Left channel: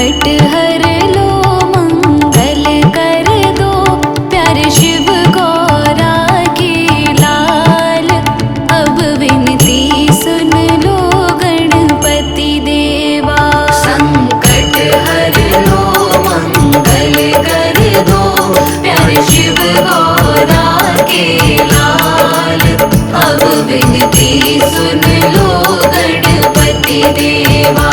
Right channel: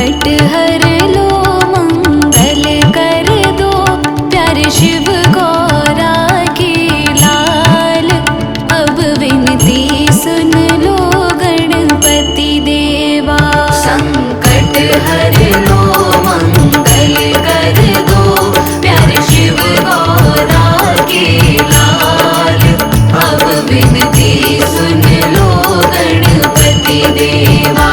संकट हर लो मंगल कर दो, प्यारे शिव गौरा के लाल। अब विनती सुन लो गणपति देवा। संकट हर लो मंगल कर दो, प्यारे शिव गौरा के लाल। अब विनती सुन लो गणपति देवा।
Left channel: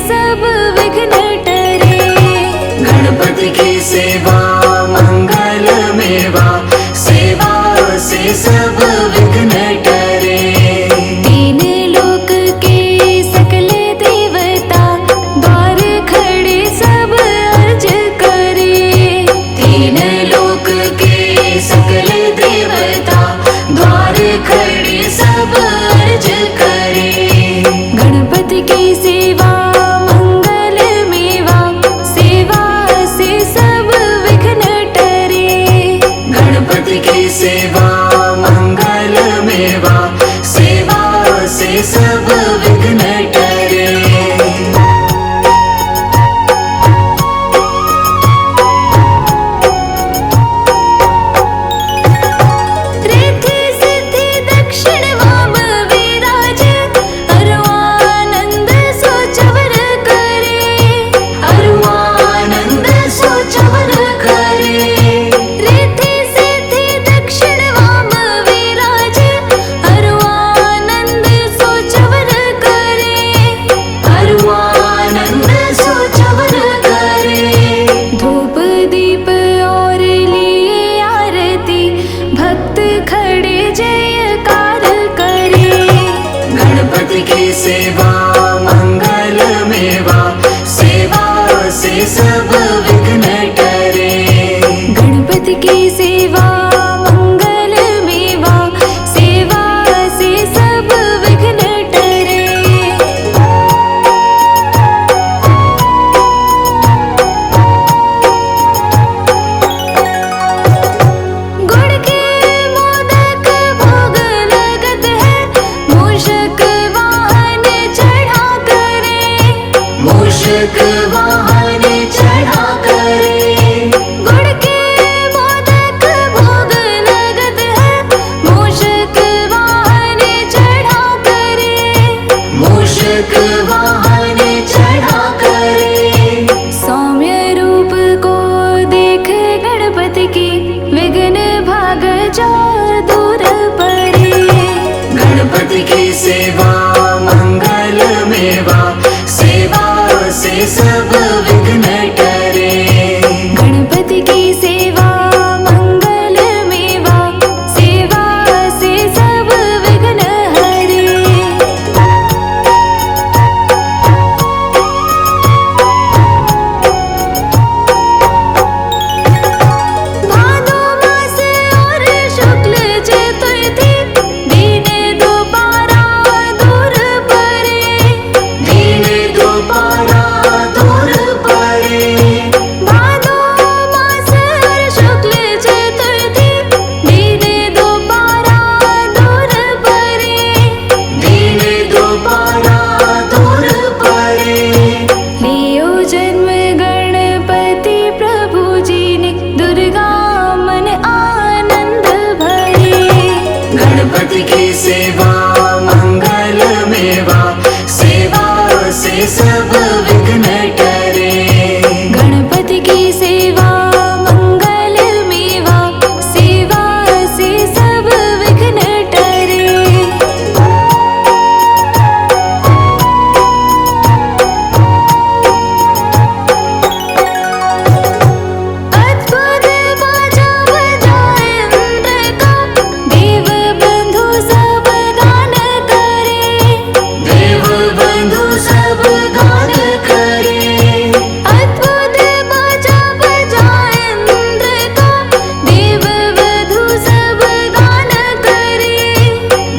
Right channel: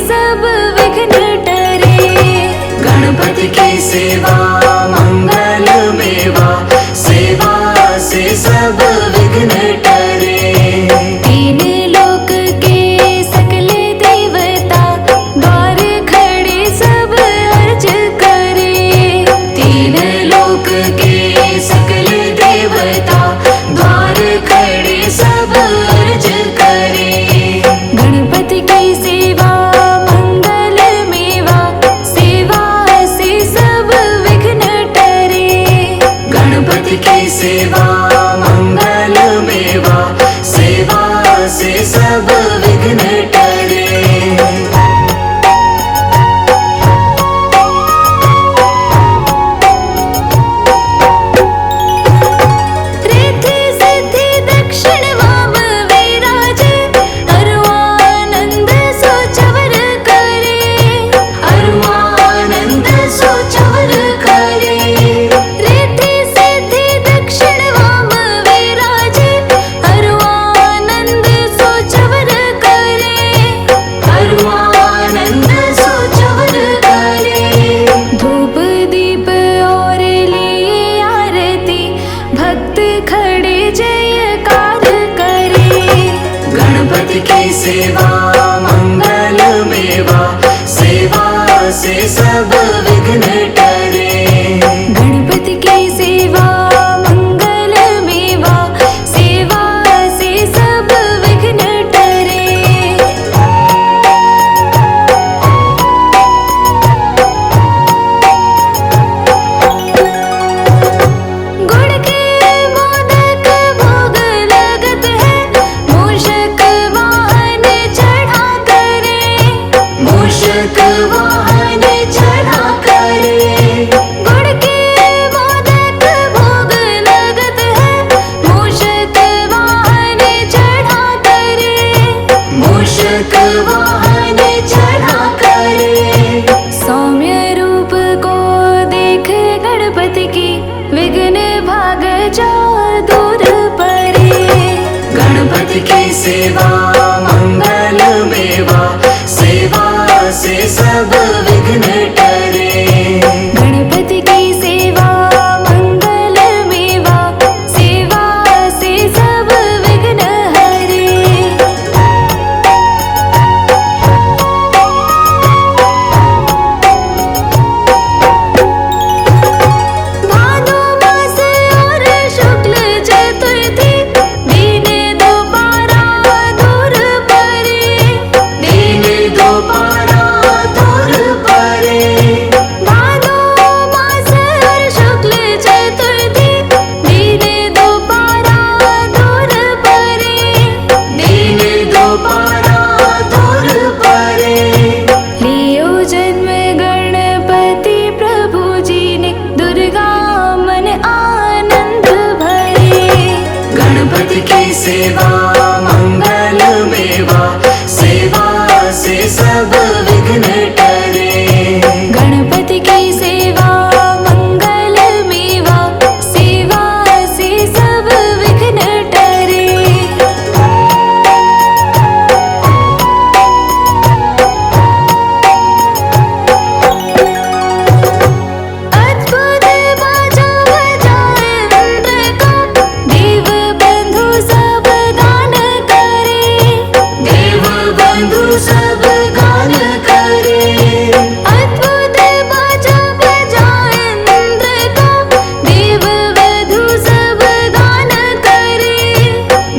सब विघ्न टरे। गणपति की सेवा मंगल मेवा, सेवा से सब विघ्न टरे। तीन लोक के सकल देवता, द्वार खड़े सब अर्ज करे। तीन लोक के सकल देवता, द्वार खड़े सब अर्ज करे। गणपति की सेवा मंगल मेवा, सेवा से सब विघ्न टरे। गणपति की सेवा मंगल मेवा, सेवा से सब विघ्न टरे। रिद्धि सिद्धि दक्षिण वाम विराज, अरुआनंद सोचवर करे। अरुआनंद सोचवर करे। रिद्धि सिद्धि दक्षिण वाम विराज, अरुआनंद सोचवर करे। अरुआनंद सोचवर करे। धूप दीप और लिए आरती, भक्त खड़े जयकार करे। गणपति की सेवा मंगल मेवा, सेवा से सब विघ्न टरे। गणपति की सेवा मंगल मेवा, सेवा से सब विघ्न टरे। गुड़ के मोदक भोग लगत है, मूषक वाहन चढ़ा करे। मूषक वाहन चढ़ा करे। गुड़ के मोदक भोग लगत है, मूषक वाहन चढ़ा करे। मूषक वाहन चढ़ा करे। सौम्य रूप को देख गणपति की, विघ्न भाग जाओ दूर परे। गणपति की सेवा मंगल मेवा, सेवा से सब विघ्न टरे। गणपति की सेवा मंगल मेवा, सेवा से सब विघ्न हरे। भादो मास और शुक्ल चतुर्थी, दीन दोबारा दूर परे। दीन दोबारा दूर परे। भादो मास और शुक्ल चतुर्थी, दीन दोबारा दूर परे। दीन दोबारा दूर परे। लियो जन्म गणपति प्रभु जी ने, दुर्गा मन आनंद भरे। गणपति की सेवा मंगल मेवा, सेवा से सब विघ्न टरे। गणपति की सेवा मंगल मेवा, सेवा से सब विघ्न टरे। अद्भुत बाजा बजाए इंद्र का, देव बंधु सब गान करे। देव बंधु सब गान करे। अद्भुत बाजा बजाए इंद्र का, देव बंधु सब गान करे।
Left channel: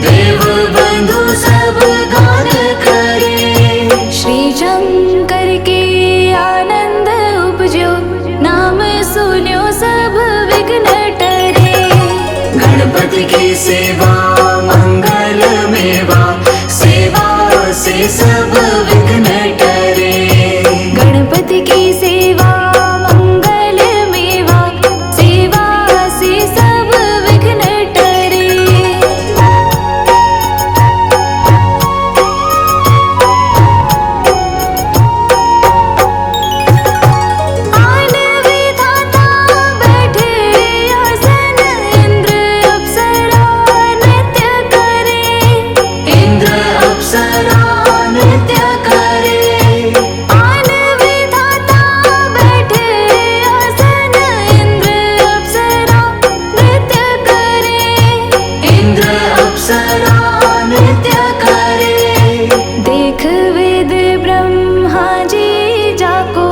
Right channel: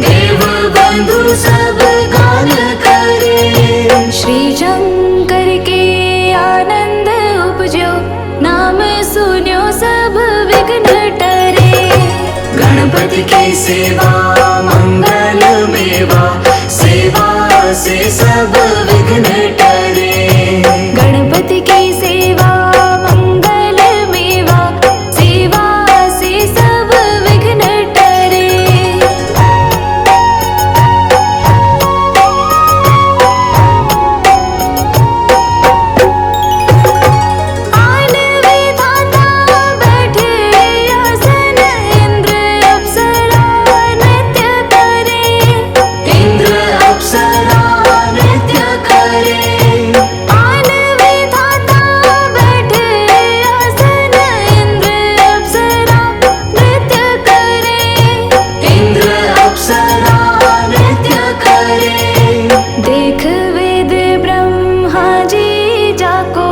देव बंधु सब गान करे। श्री शंकर के आनंद उपजो, नाम सुन्यो सब विघ्न टरे। गणपति की सेवा मंगल मेवा, सेवा से सब विघ्न टरे। गणपति की सेवा मंगल मेवा, सेवा से सब विघ्न टरे। आन विधाता बैठे आसन, इंद्र अप्सरा नृत्य करे। इंद्र अप्सरा लिख वेद ब्रह्मा जी जाको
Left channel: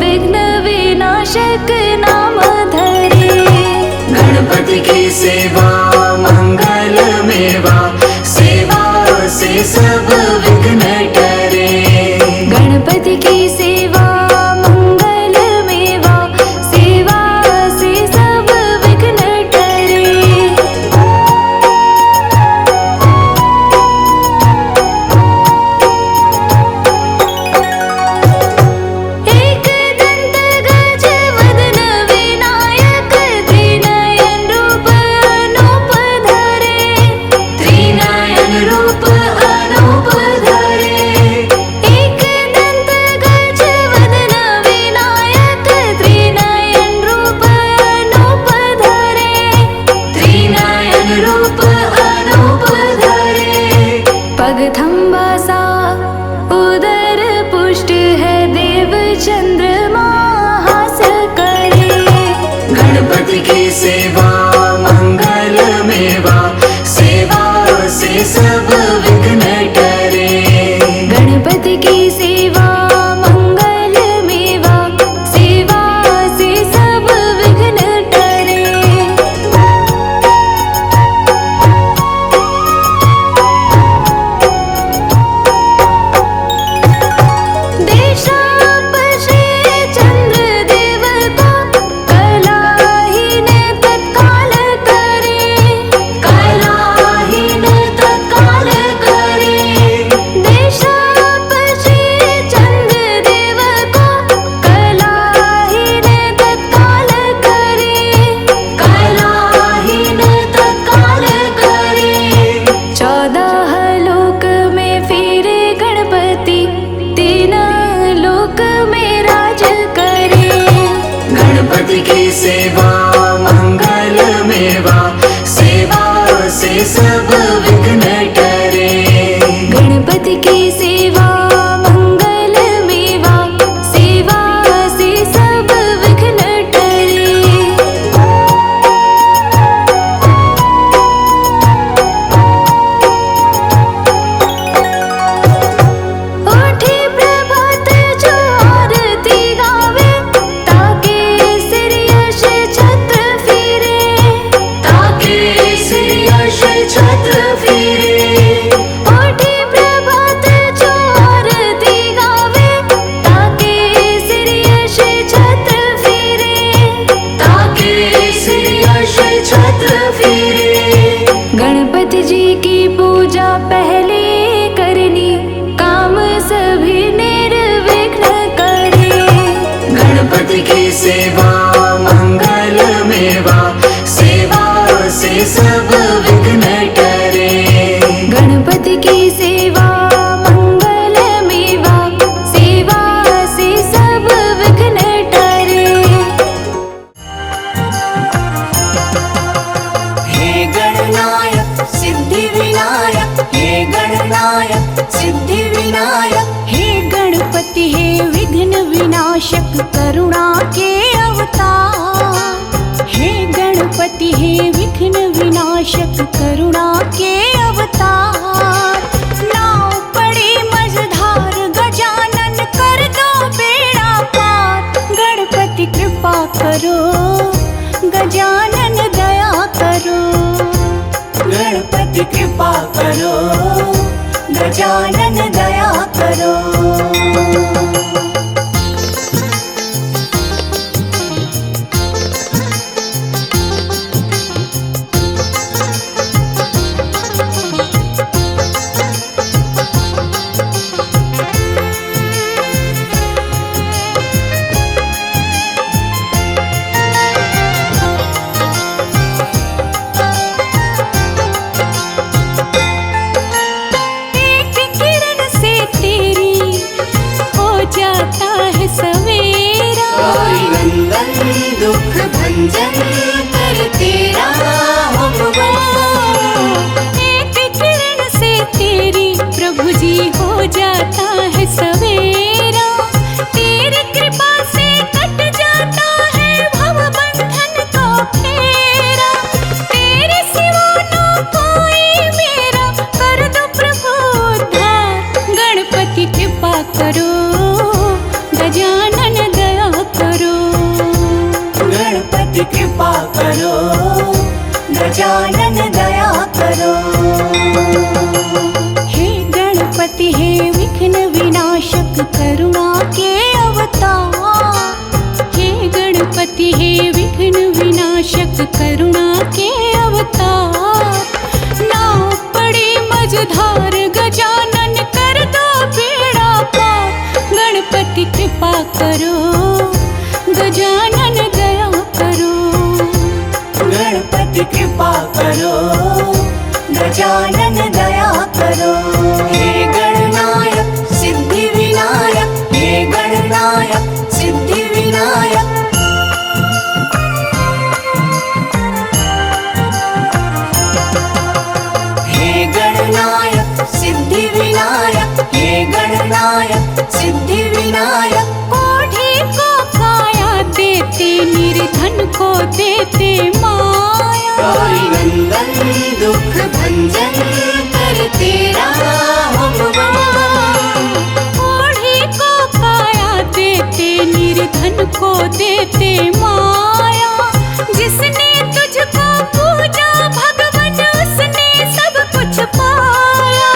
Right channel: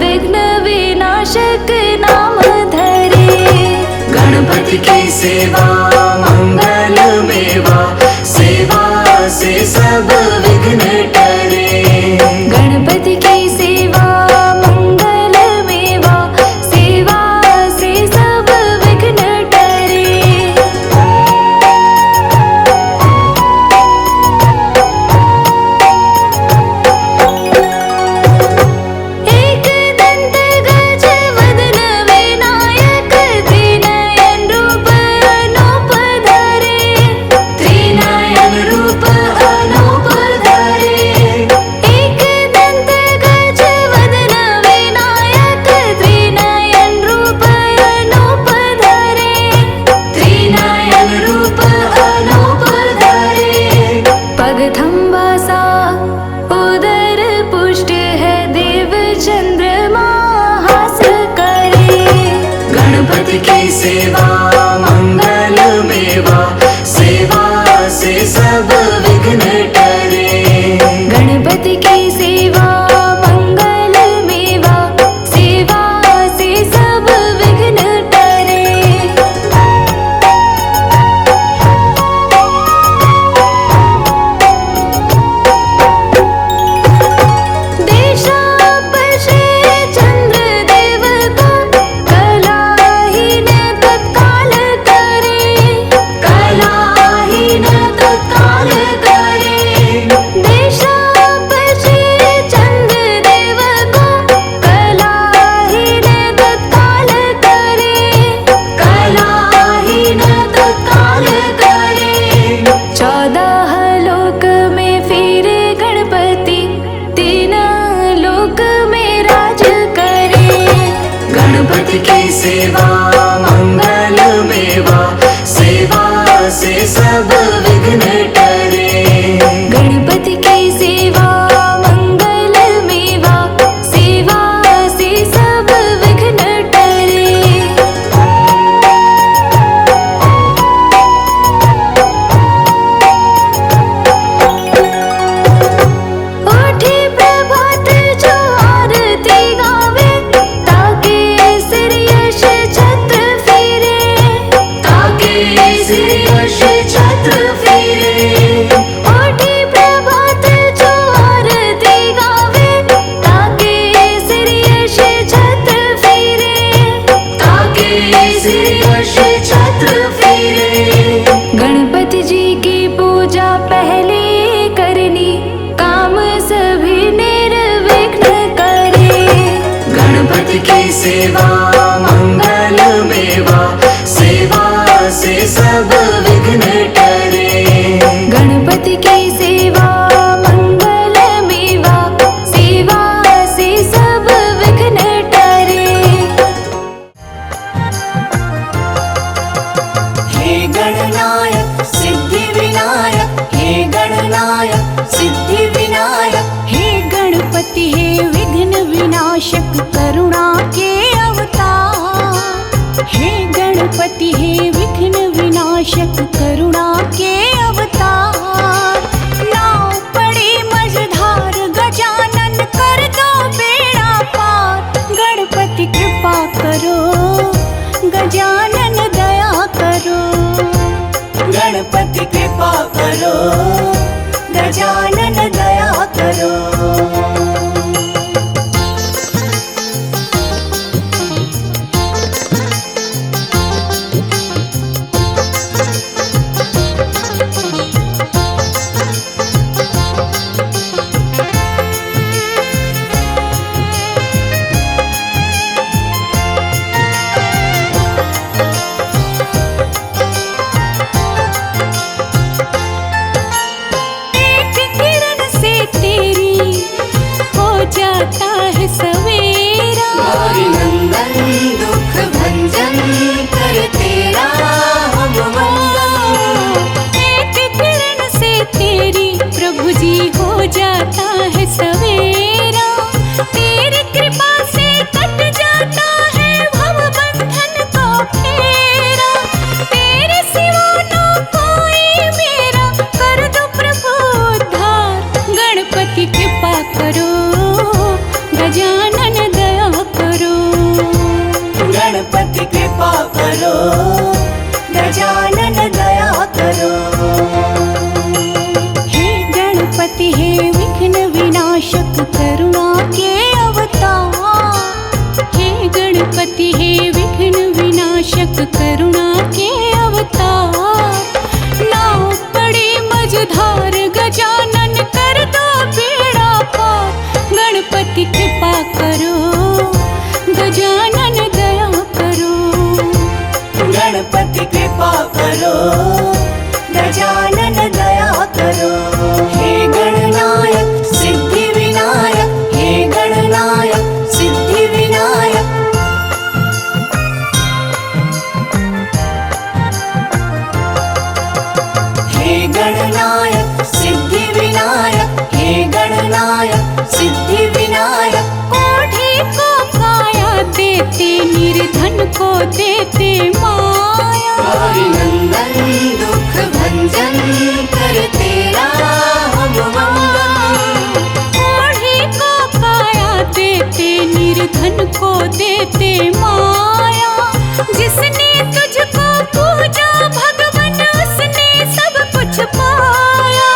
विघ्न विनाशक नाम धरे। गणपति की सेवा मंगल मेवा, सेवा से सब विघ्न टरे। गणपति की सेवा मंगल मेवा, सेवा से सब विघ्न टरे। एक दंत गज वदन विनायक, त्रिनयन रूप अनूप धरे। त्रिनयन रूप अनूप धरे। एक दंत गज वदन विनायक, त्रिनयन रूप अनूप धरे। त्रिनयन रूप अनूप धरे। पग थंबा सा उदर पुष्ट है, देव चंद्रमा हास करे। गणपति की सेवा मंगल मेवा, सेवा से सब विघ्न टरे। गणपति की सेवा मंगल मेवा, सेवा से सब विघ्न टरे। देशापशे चंद्र देव को, कलाहीन तत्काल करे। कलाहीन तत्काल करे। देशापशे चंद्र देव को, कलाहीन तत्काल करे। कलाहीन तत्काल करे। 14 लोक में फिरे गणपति, 3 लोक में राज करे। गणपति की सेवा मंगल मेवा, सेवा से सब विघ्न टरे। गणपति की सेवा मंगल मेवा, सेवा से सब विघ्न टरे। उठी प्रभात जो आरती गावे, ताके सिर यश छत्र फिरे। ताके सिर यश छत्र फिरे। उठी प्रभात जो आरती गावे, ताके सिर यश छत्र फिरे। ताके सिर यश छत्र फिरे। गणपति जी की पूजा पहले करनी, काम सभी निर्विघ्न करे। गणपति की सेवा मंगल मेवा, सेवा से सब विघ्न टरे। गणपति की सेवा मंगल मेवा, सेवा से सब विघ्न टरे। हे गणनायक सिद्धि विनायक, हे गणनायक सिद्धि विनायक। हे गणपति हे विघ्न विनाशक करुणा के अवतार। हे गणपति हे विघ्न विनाशक करुणा के अवतार। नाव पड़े मझधार गजानन कर दो बेड़ा पार। गणपति कृपा करो, गजानन दया करो। गणपति कृपा करो, गजानन दया करो। एक किरण से तेरी हो जाता है सवेरा। नंदन दुख भंजन कर तेरा हम वंदन। एक किरण से तेरी प्रभु जी हो जाता है सवेरा। तेरी कृपा से कट जाता है भव बंधन को फेरा। तेरे सिवा ना कोई मेरा, कर दो प्रभु उद्धार। गणपति कृपा करो, गजानन दया करो। गणपति कृपा करो, गजानन दया करो। हे गणपति हे विघ्न विनाशक करुणा के अवतार। हे गणपति हे विघ्न विनाशक करुणा के अवतार। नाव पड़ी मझधार गजानन कर दो बेड़ा पार। गणपति कृपा करो, गजानन दया करो। गणपति कृपा करो, गजानन दया करो। हे गणनायक सिद्धि विनायक, हे गणनायक सिद्धि विनायक। हे गणनायक सिद्धि विनायक, हे गणनायक सिद्धि विनायक। कोढ़ी को काया देते, निर्धन को देते माया। मंगल दुख भंजन कर तेरा हम मंगल। कोढ़ी को काया देते, निर्धन को देते माया। जिसने तुझको पूजा भगवन, उसने सब कुछ पाया।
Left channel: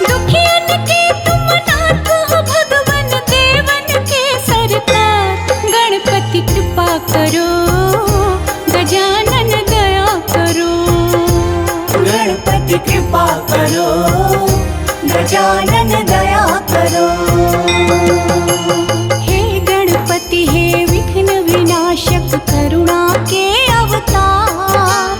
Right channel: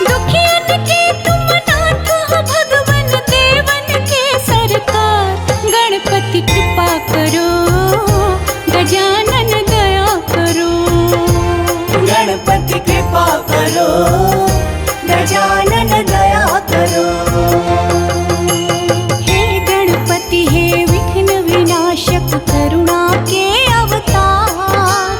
दुखियन के तुम नाथ हो भगवन, देवन के सरकार। गणपति कृपा करो, गजानन दया करो। गणपति कृपा करो, गजानन दया करो। हे गणपति हे विघ्न विनाशक करुणा के अवतार।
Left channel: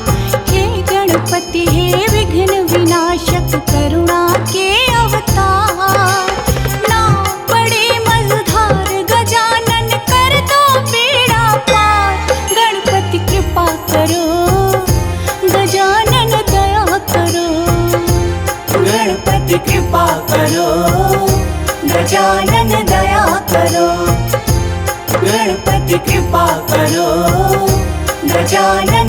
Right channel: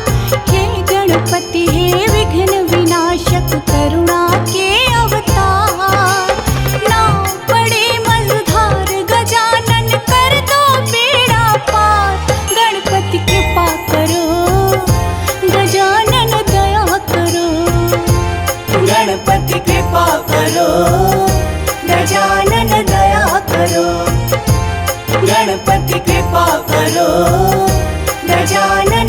हे गणपति हे विघ्न विनाशक करुणा के अवतार। नाव पड़े मझधार गजानन कर दो बेड़ा पार। गणपति कृपा करो, गजानन दया करो। गणपति कृपा करो, गजानन दया करो। गणपति कृपा करो, गजानन